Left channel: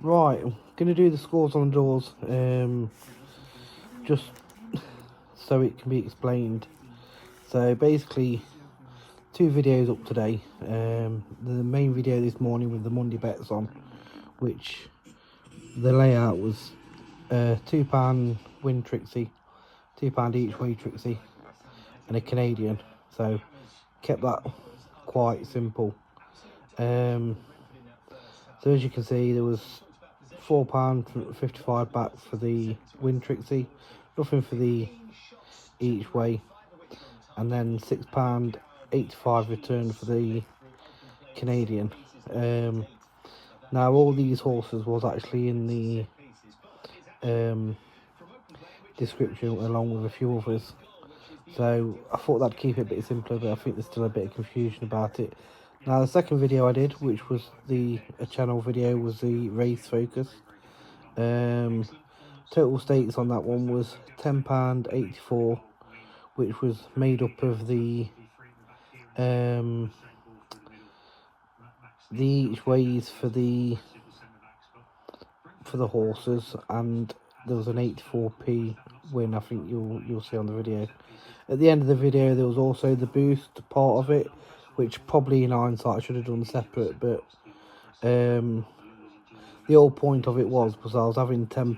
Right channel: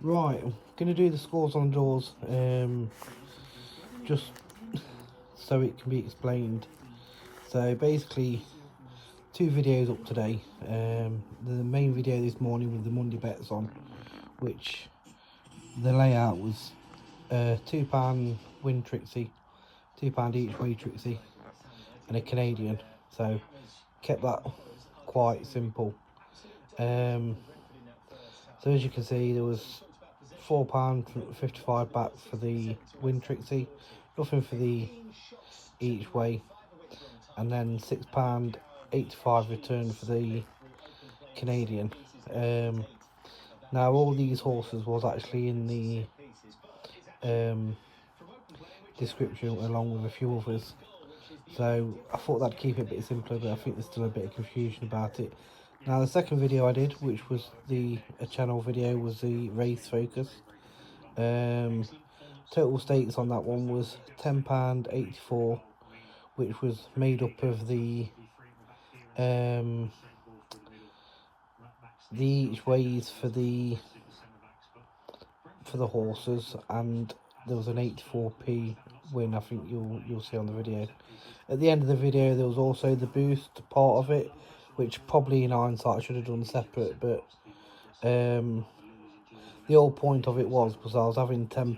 Right, I'm going to do the scores on the draws, just so it can be explained. So basically, two videos up today. The main video this morning with the Monday bets on, which the layout was £2 win Trixie, £2 each way Trixie, and a Canadian. So kept that quite simple. So as you can see, there was £4.55 back for the win Trixie, nothing for the each way, and then £6.85 return for the Canadian. Now all these horses was actually in the description along with a few others, so I thought that'd keep it a bit simpler, but I think there's still a bit of confusion about it. Now the second video I did, which was a channel video, was the race focus. Total stakes on that one was £10.84, which was made up of the each ways for the horses, and there was an 84p win. I think you'll see on the video. At the end of the video, there was also the boost part of it, which probably in hindsight I should have done separate, but the whole point of it was I was having £10,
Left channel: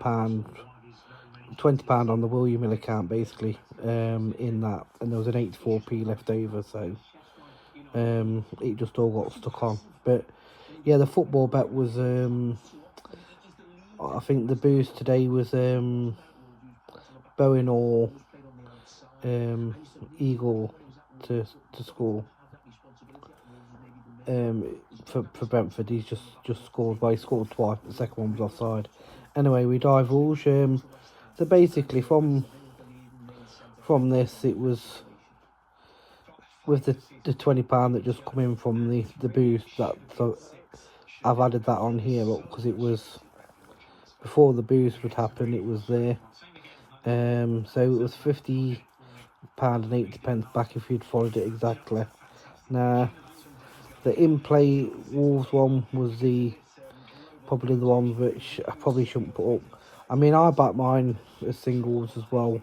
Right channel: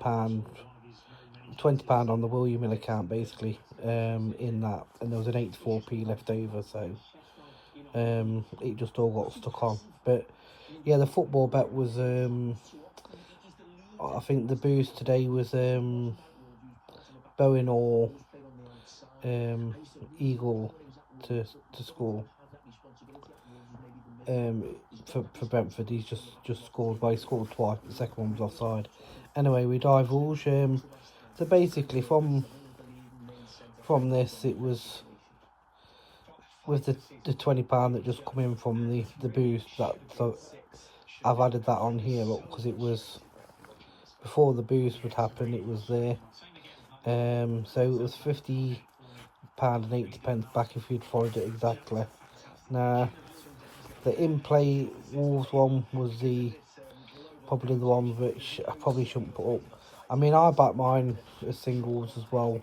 £20 on the William Hill account basically, in that, and there was an 84p left over, so it just all got stuck on. But yeah, the football bet was I think the boost today was Bowen or Eagle to score. For Brentford, he's just scored, but he scored twice. The second one was offside. Anyway, we divulge. So basically, from this, it was with the £20 that just come in from the boost. That, so I've added that on here because it was before the boost would happen. It was there. So it was £50.80 back if you'd followed it exactly. Now the in-play Wolves one was probably the one which I probably shouldn't put up. I mean, I back mine as singles as well.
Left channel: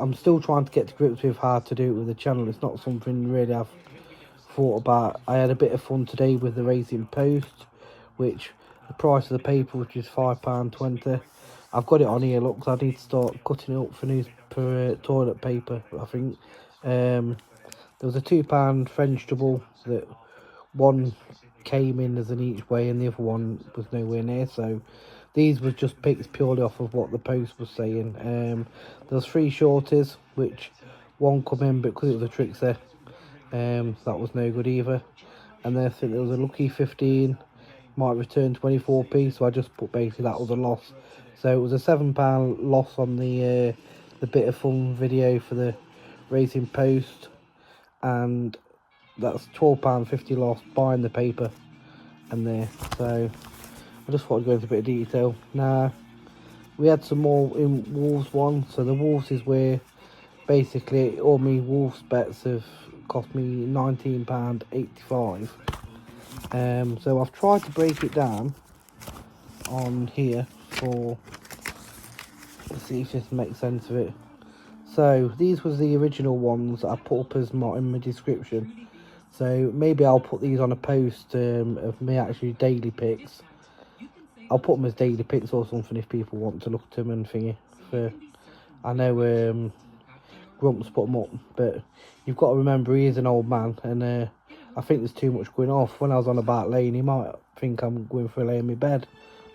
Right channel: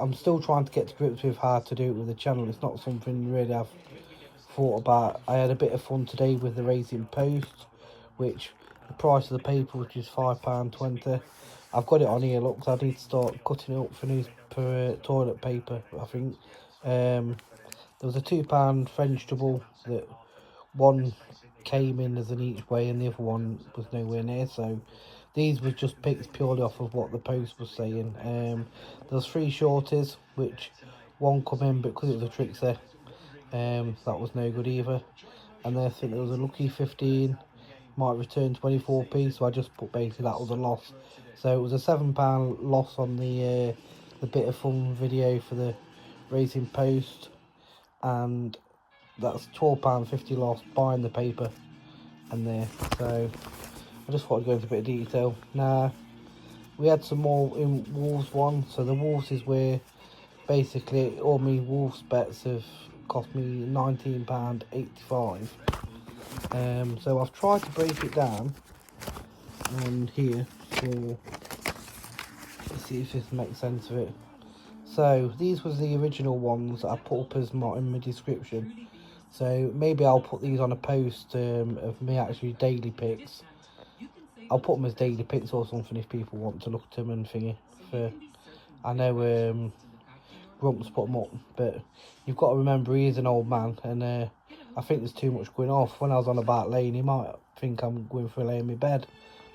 I'm still trying to get to grips with how to do it with the channel. It's not something really I've thought about. I had a bit of fun today with the Racing Post, which the price of the paper, which is £5.20. I've got it on here. Look, I need to start cutting it up for toilet paper. I think there was a £2 French double that one came in as an each way and the other one was nowhere near, so these were just picked purely off of what the post was saying. There was 3 shorties, which one come in, but because it was a trickster, that was no good either. And then I think there was a lucky 15, might return 24p, so I just put basically that was a loss. So it was a £7 loss on the bit of fun video for the Racing Post, and that's £12.50 loss buying the paper and there. So I just thought I'd go into a bit of detail. Now we had some more in Wolves one. So the Wolves is where basically all my Wolves bets have cost me £19.85. So I've tried to break it down on here for, let's see if this makes sense of it. So these was the original ones I put up as in my description. So maybe I'll put these on a post of me actually daily picks. I'll put them as daily picks or something if people want to look at them and thingy. I know Grumps put them up, but you've got to remember he is an old man, and I think there's too much going off. When I was on about lane, he might think I'm going for a lay in my bed,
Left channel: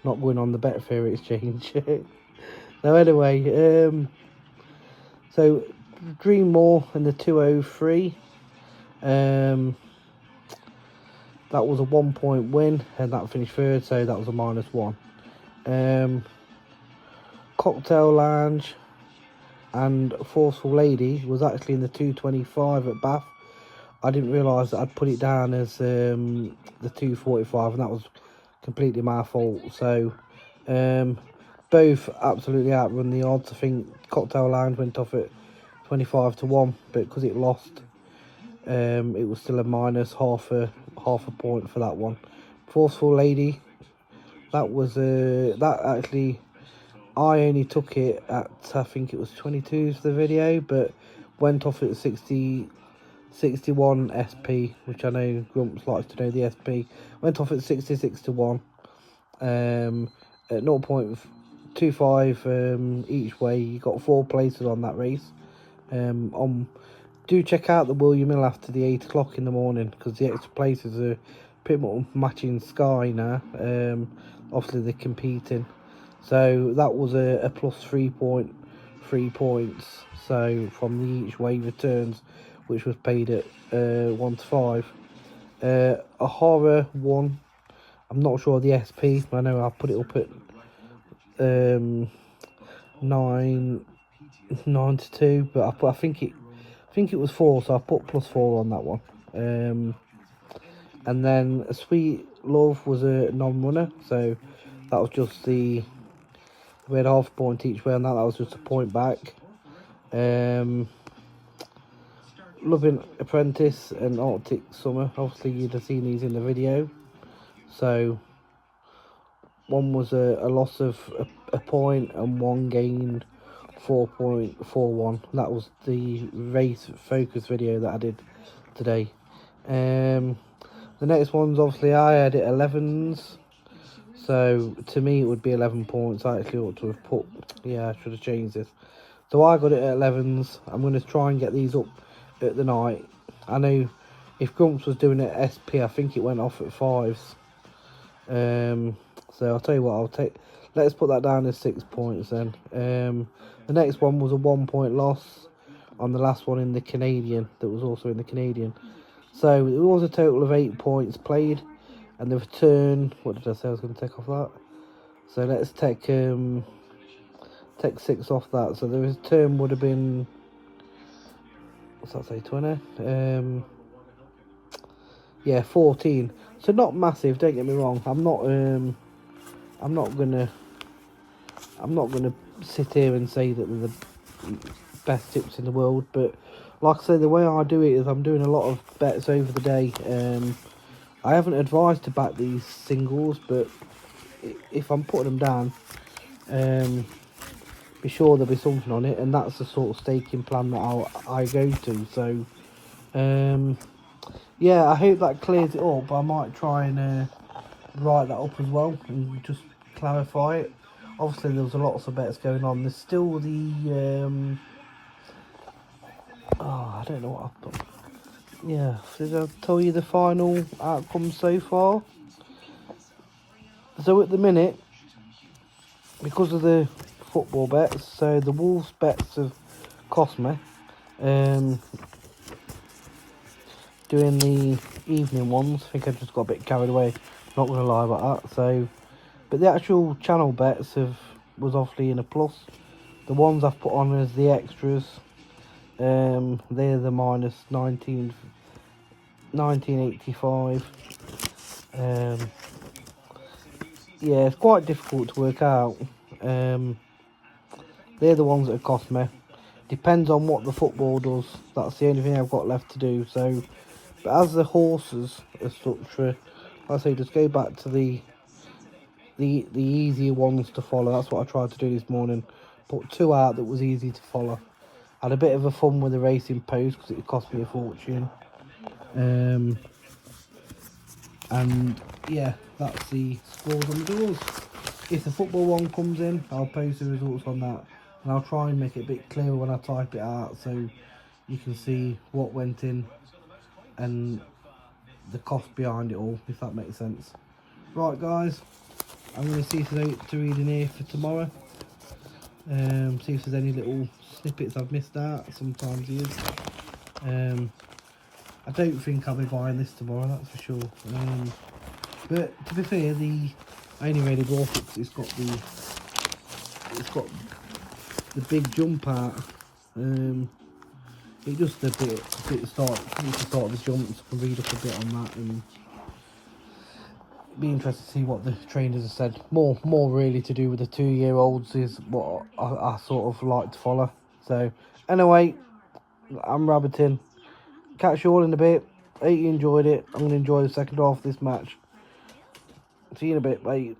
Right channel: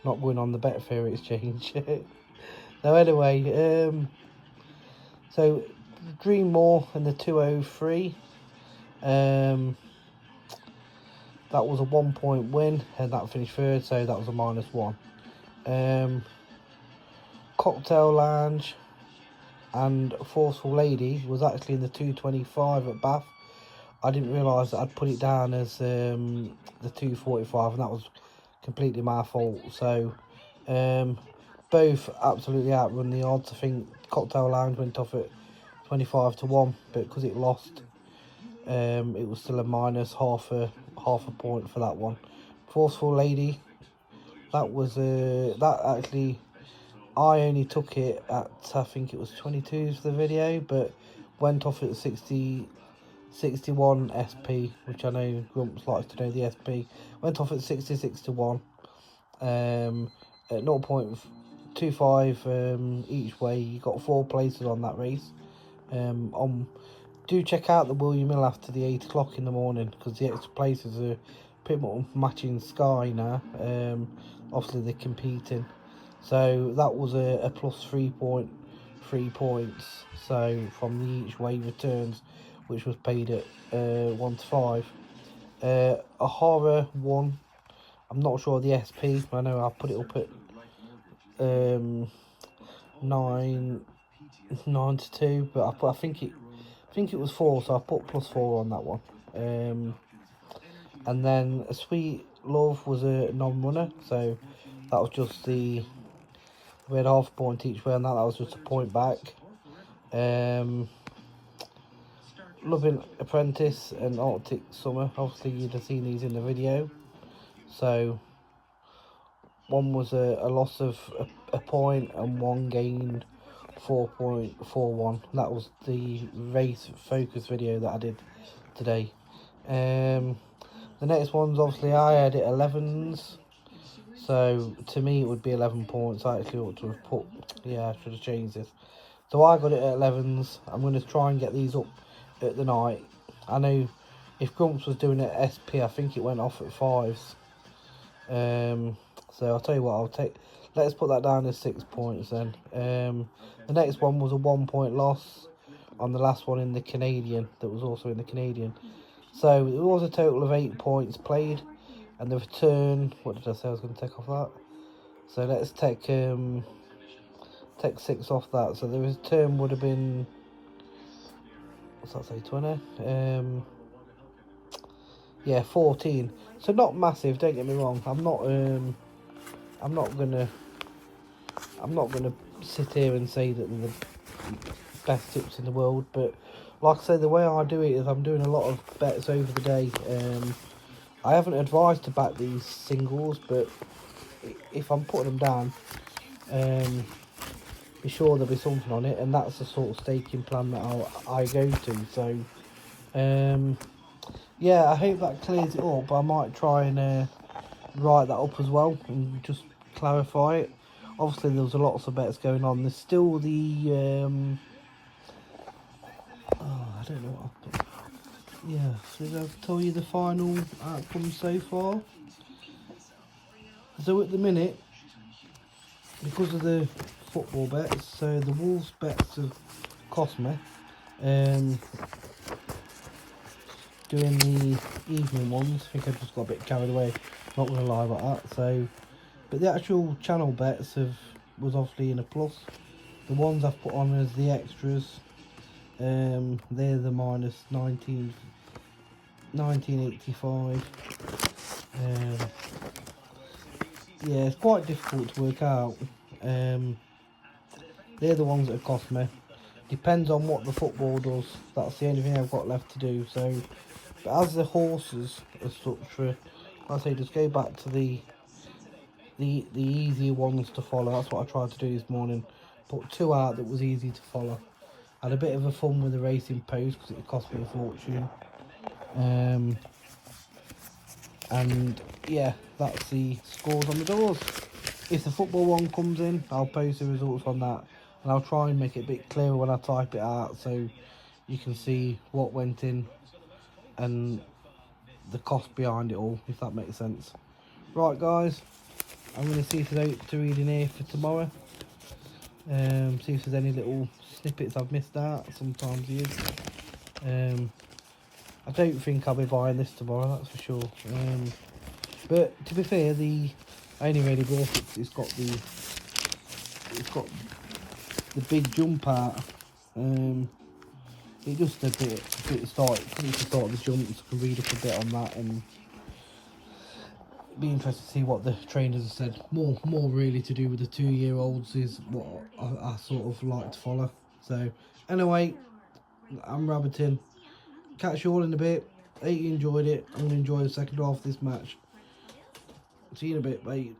not going on the Betfair exchange. So anyway, so Dreammore and the 203. That was a 1 point win, and that finished third, so that was a -1. Cocktail Lounge and Forceful Lady was actually in the 225 at Bath. I didn't realise that I'd put it down as the 245, and that was completely my fault. So both absolutely outrun the odds. I think Cocktail Lounge went off at 25-1, but because it lost, it was still a minus half a point for that one. Forceful Lady That was that actually, I only took it at, I think it was 22's the video, but went off at 61 SP, which I know Grumps likes to know the SP. Went off at 66 to 1, at 0.25 each way. You got 4 places on that race. Do check out the William Hill after the 8 o'clock in the morning, because the extra places are pretty much matching Sky now. Obviously they're competing, so that was a plus 3.3 points. So from the each way returns, which was paid at 1 to 5. A horror one. I'm not sure the SP. I know I'll put it up at 9 to 2, but I think it was 4, so I put plus 4 on that one. And then a Sweet Love was a non-runner, so that was just we had half a point each way on that. That was just a point back. Loving Apprentice and Arctic Summer, obviously you'd have seen these in the video. So one was a loss of a point and one gained 4.41. That was the race focus video that I did today. The next one's obviously I had it 11s, so to me it would be 11 points. I actually ought to have put, yeah, I should have changed this. So I got it at 11s. I'm going to try and get these up at the night. I know if Grumps was doing it at SP, I think it went off at 5s. So I'll tell you what, let's put that down as 6 points then. The next one was a 1 point loss on the last one in the Canadian, that was also in the Canadian. So it was a total of 8 points played, and the return, what did I say I was going to take off that? So let's take 6 off that. So the return would have been, what's that say, 20? Yeah, 14. So not massive, don't get me wrong. I'm not gonna sit here and say that they're the best tips in the world, but like I said, the way I do it is I'm doing a lot of bets over the day. I haven't advised to back these singles, but if I'm putting them down, be sure there'll be something on it, and that's the sort of staking plan that I go to. So yeah, I hope that clears it up. I might try and write that up as well and just clarify it. Obviously there was lots of bets going on. There's still the I don't know what I've put. Yeah, did I tell you the final outcome so far? So at the minute, because of the football bets, so the Wolves bets have cost me. Doing the evening ones, I think I just got a bit carried away, not going to lie about that. So, but the actual channel bets was obviously in a plus. The ones I've put on as the extras, they're the minus 1985. Yeah, it's quite difficult to work out. They're the ones that have cost me. Depends on what the football does. That's the only thing I've got left to do. So, but as the horses as such, I say just go back to the easier ones to follow. That's what I tried to do this morning. Put 2 out that was easy to follow. Had a bit of a fun with the racing post because it cost me a fortune. And yeah, that's the scores on the doors. If the football one comes in, I'll post the results on that, and I'll try and make it a bit clearer when I type it out so you can see what went in and the cost behind it all, if that makes sense. Right guys, I'm going to see if there's 8 to read in here for tomorrow. See if there's any little snippets I've missed out. Sometimes there is. I don't think I'll be buying this tomorrow, that's for sure. But to be fair, I only really bought it because it's got the big jump out. It just a bit to start the jumps, can read up a bit on that, and be interested to see what the trainers have said. More really to do with the 2-year-olds is what I sort of like to follow. So anyway, I'm rabbiting. Catch you all in a bit. Hope you enjoyed it. I'm going to enjoy the second half of this match. See you in a bit, mate.